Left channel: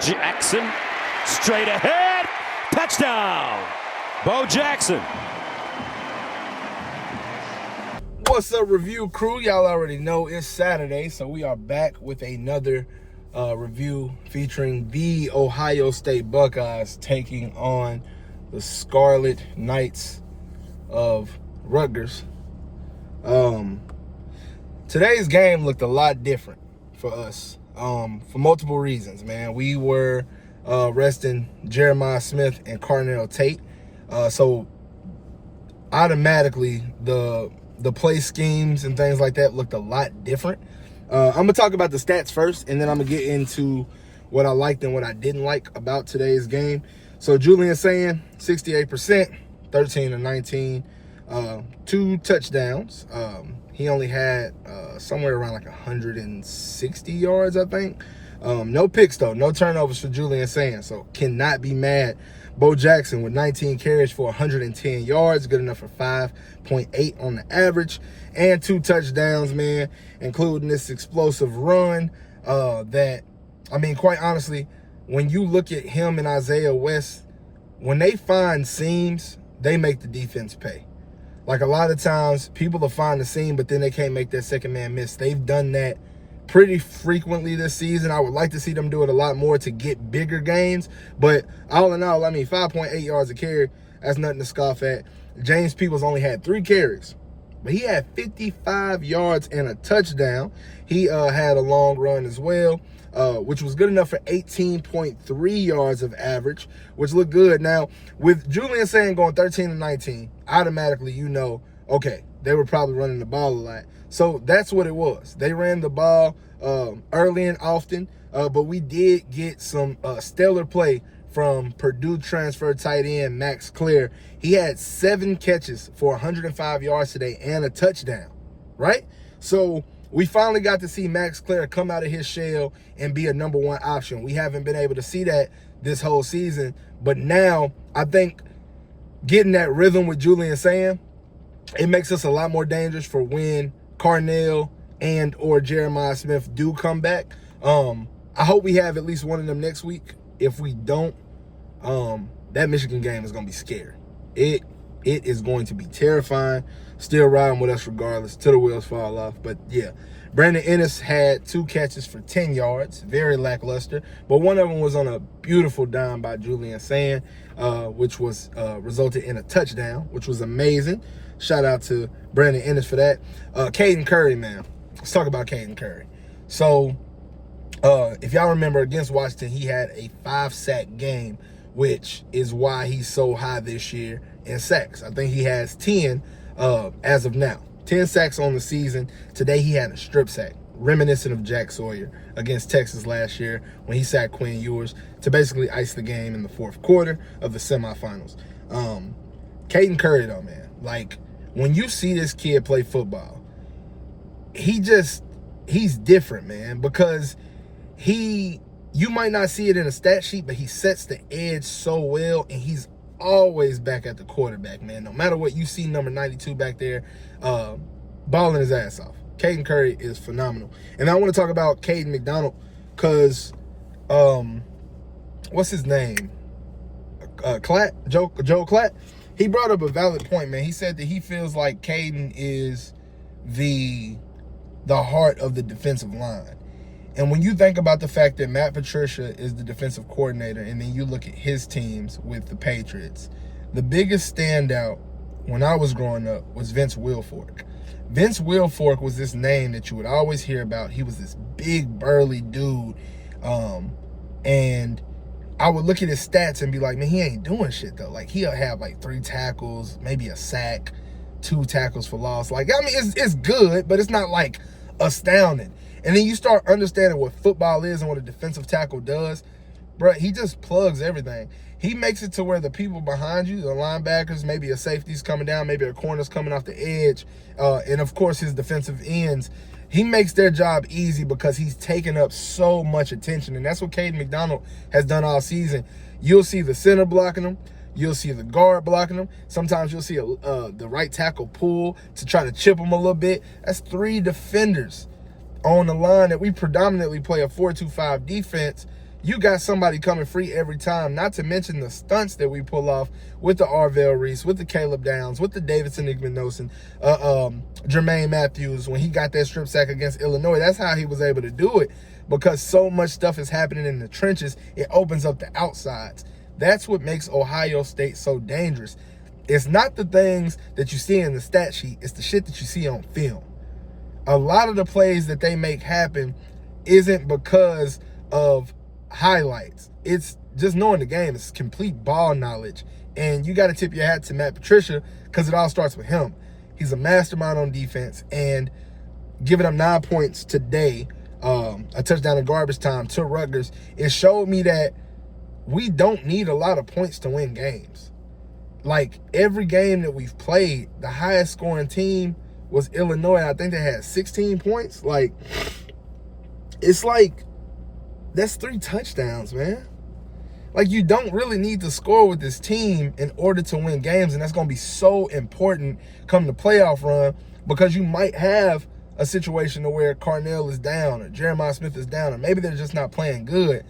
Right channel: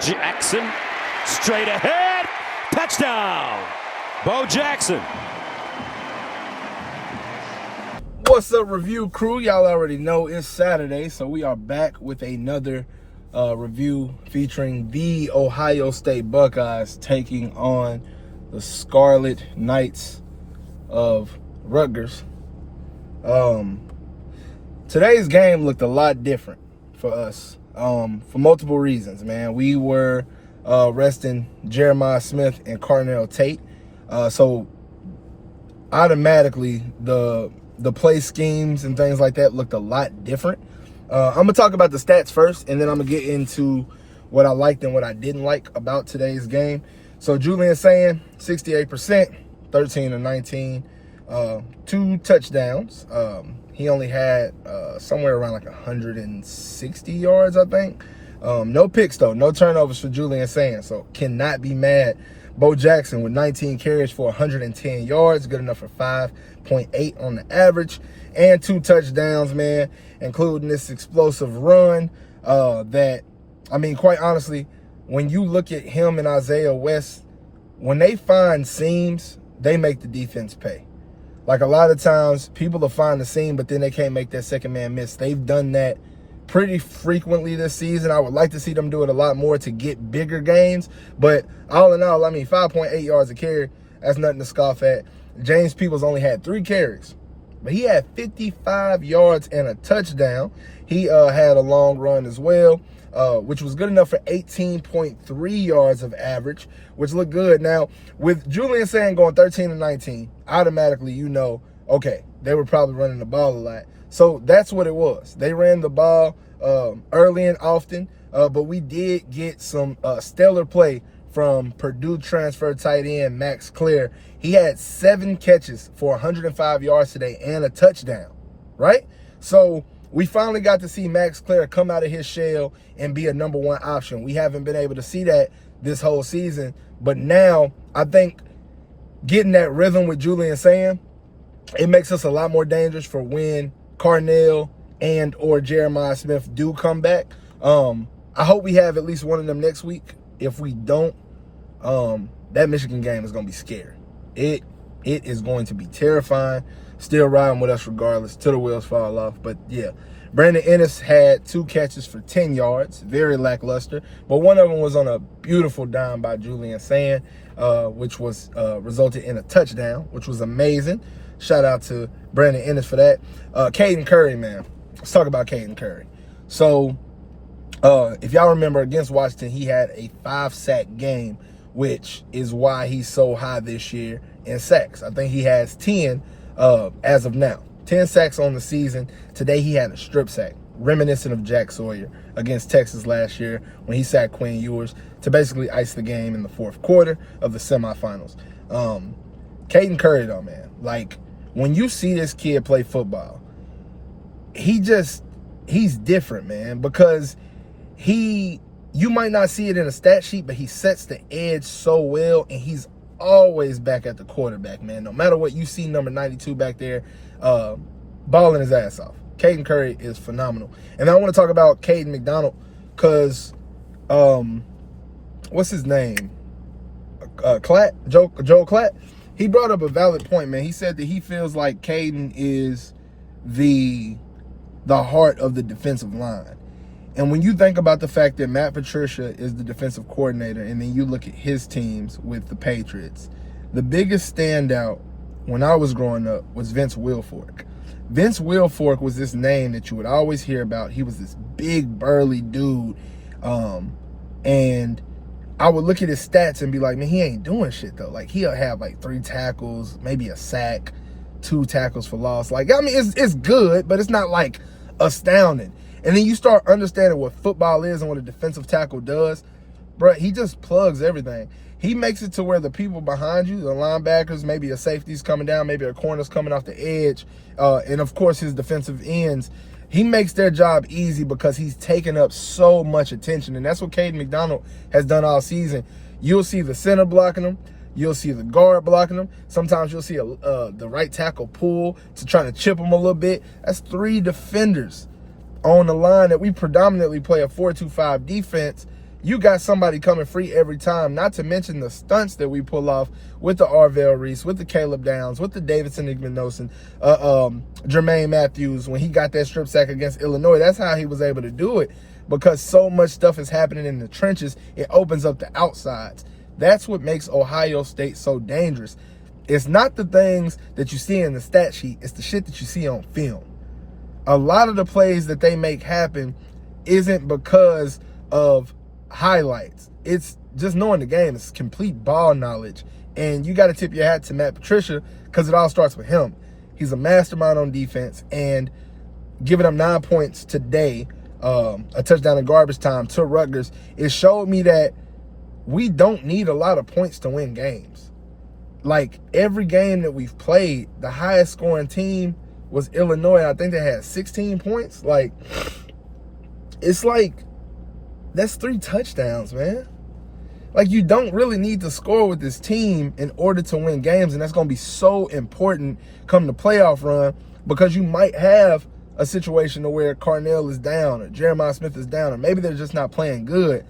Jackson, straight ahead, touchdown, Bo Jackson. What's up, review crew? Y'all already know it's Saturday, so we are back with another review featuring the Ohio State Buckeyes taking on the Scarlet Knights of Rutgers. Today's game looked a lot different for us for multiple reasons, man. We were resting Jeremiah Smith and Carnell Tate, so automatically the play schemes and things like that looked a lot different. I'm going to talk about the stats first, and then I'm going to get into what I liked and what I didn't like about today's game. So Julian Sayin, 68%, 13 of 19, 2 touchdowns. He only had somewhere around like 160 yards, I think. No picks, though. No turnovers for Julian Sayin, so cannot be mad. Bo Jackson with 19 carries for 110 yards, good enough for 5.8 on the average, and 2 touchdowns, man, including this explosive run that, I mean, quite honestly, when you look at him and Isaiah West, when they find seams, they make the defense pay. Like, a lot of times, people will find the seam, but then they can't make that second man miss. They've done that pretty frequently this season. I would like to see them do it a lot more to get bigger gains. But all in all, I mean, 5.8 yards a carry, that's nothing to scoff at. James Peoples only had 3 carries, but he had 55 yards and a touchdown. He had a long run as well, which was good enough for 18.3 yards of average, which looked good. Now, with Julian Sayin going 13 to 19, automatically you know, okay, they were probably running the ball a lot. So that's what it was. They ran the ball early and often, but we did get some stellar play from Purdue transfer tight end Max Klare. He had 7 catches for 105 yards today and a touchdown, right? So we finally got to see Max Klare come out of his shell and be a #1 option. We haven't been able to see that this whole season, but now I think getting that rhythm with Julian Sayin, it makes us a lot more dangerous for when Carnell and or Jeremiah Smith do come back. I hope we have at least one of them next week. If we don't, that Michigan game is going to be scary. It is going to be terrifying. Still riding with us regardless till the wheels fall off. But yeah, Brandon Ennis had 2 catches for 10 yards, very lackluster. But one of them was on a beautiful dime by Julian Sayin, which was resulted in a touchdown, which was amazing. Shout out to Brandon Ennis for that. Caden Curry, man. Let's talk about Caden Curry. So, if y'all remember, against Washington, he had a 5-sack game, which is why he's so high this year in sacks. I think he has 10 as of now. 10 sacks on the season. Today he had a strip sack, reminiscent of Jack Sawyer against Texas last year when he sacked Quinn Ewers to basically ice the game in the 4th quarter of the semifinals. Caden Curry, though, man, like, when you see this kid play football, he's different, man, because you might not see it in a stat sheet, but he sets the edge so well, and he's always back at the quarterback, man. No matter what, you see number 92 back there balling his ass off. Caden Curry is phenomenal. And I want to talk about Caden McDonald because, what's his name? Joe Klatt. He brought up a valid point, man. He said that he feels like Caden is the heart of the defensive line. And when you think about the fact that Matt Patricia is the defensive coordinator, and then you look at his teams with the Patriots, the biggest standout when I was growing up was Vince Wilfork. Vince Wilfork was this name that you would always hear about. He was this big, burly dude, and I would look at his stats and be like, man, he ain't doing shit, though. Like, he'll have, like, 3 tackles, maybe a sack, 2 tackles for loss. Like, I mean, it's good, but it's not, like, astounding. And then you start understanding what football is and what a defensive tackle does. Bro, he just plugs everything. He makes it to where the people behind you, the linebackers, maybe a safety's coming down, maybe a corner's coming off the edge, and, of course, his defensive ends, he makes their job easy because he's taken up so much attention. And that's what Caden McDonald has done all season. You'll see the center blocking him. You'll see the guard blocking him. Sometimes you'll see the right tackle pull to try to chip him a little bit. That's 3 defenders on the line that we predominantly play a 4-2-5 defense. you got somebody coming free every time, not to mention the stunts that we pull off with the Arvell Reese, with the Caleb Downs, with the Davidson Igmanosin, Jermaine Matthews, when he got that strip sack against Illinois. That's how he was able to do it, because so much stuff is happening in the trenches. It opens up the outsides. That's what makes Ohio State so dangerous. It's not the things that you see in the stat sheet. It's the shit that you see on film. A lot of the plays that they make happen isn't because of highlights. It's just knowing the game. It's complete ball knowledge. And you got to tip your hat to Matt Patricia, because it all starts with him. He's a mastermind on defense. And giving up 9 points today, a touchdown in garbage time to Rutgers, it showed me that we don't need a lot of points to win games. Like, every game that we've played, the highest scoring team was Illinois. I think they had 16 points. Like, it's like, that's 3 touchdowns, man. Like, you don't really need to score with this team in order to win games, and that's going to be so important come the playoff run, because you might have a situation where Carnell is down or Jeremiah Smith is down, or maybe they're just not playing good,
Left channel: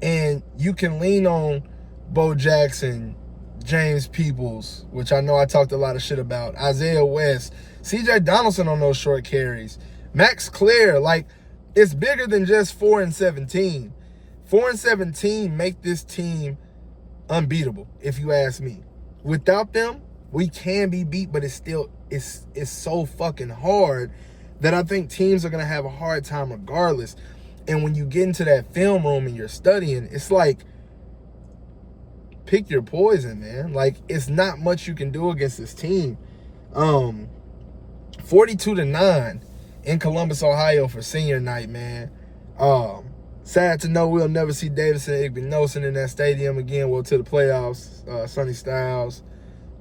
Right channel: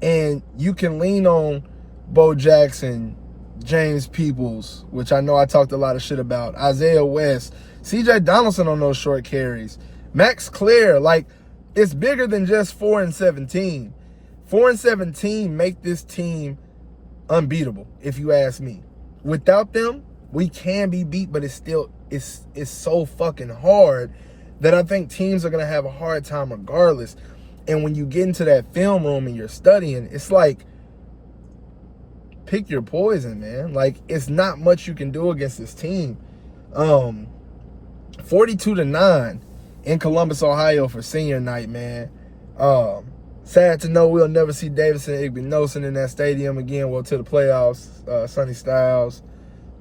and you can lean on Bo Jackson, James Peoples, which I know I talked a lot of shit about, Isaiah West, C.J. Donaldson on those short carries, Max Klare. Like, it's bigger than just 4-17. 4-17 make this team unbeatable, if you ask me. Without them, we can be beat, but it's so fucking hard that I think teams are going to have a hard time regardless. And when you get into that film room and you're studying, it's like, pick your poison, man. Like, it's not much you can do against this team. 42-9 in Columbus, Ohio for senior night, man. Sad to know we'll never see Davidson Igmanosin in that stadium again. Well, to the playoffs, Sonny Styles.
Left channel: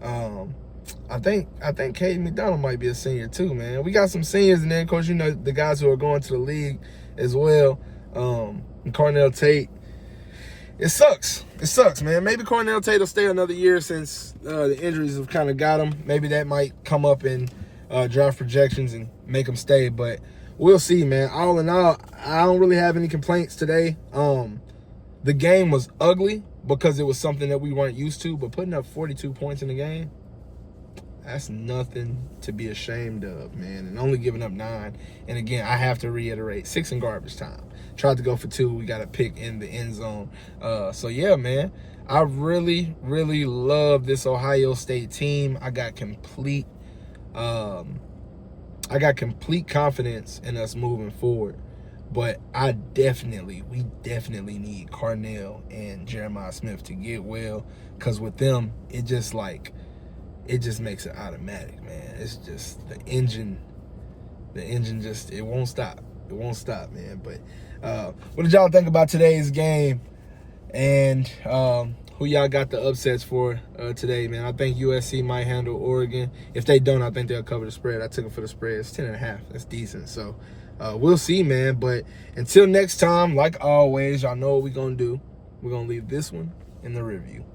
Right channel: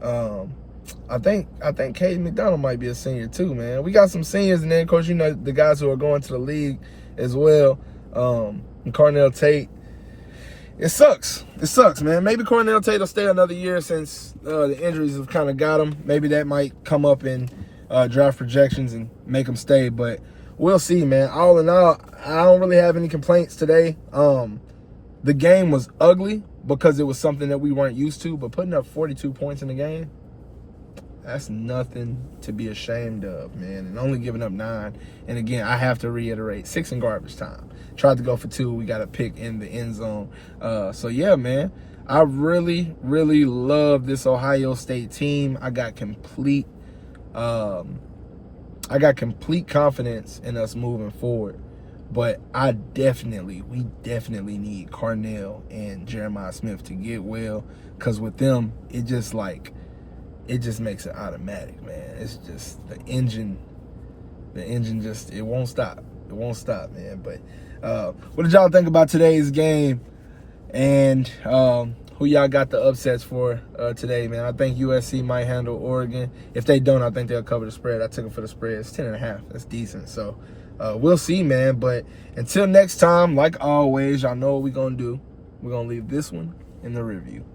I think Caden McDonald might be a senior too, man. We got some seniors, and then, of course, you know, the guys who are going to the league as well. And Carnell Tate. It sucks. It sucks, man. Maybe Carnell Tate will stay another year since the injuries have kind of got him. Maybe that might come up in draft projections and make him stay, but we'll see, man. All in all, I don't really have any complaints today. The game was ugly because it was something that we weren't used to, but putting up 42 points in the game, that's nothing to be ashamed of, man. And only giving up 9. And again, I have to reiterate, 6 in garbage time. Tried to go for 2. We got a pick in the end zone. So yeah, man, I really, really love this Ohio State team. I got complete confidence in us moving forward. But we definitely need Carnell and Jeremiah Smith to get well, because with them, it just makes it automatic, man. It's just the engine just, it won't stop. It won't stop, man. But what did y'all think about today's game? And who y'all got the upsets for today, man? I think USC might handle Oregon. If they don't, I think they'll cover the spread. I took them for the spread. It's 10.5. That's decent. So we'll see, man. But until next time, like always, y'all know what we're going to do. We're going to leave this one in the review.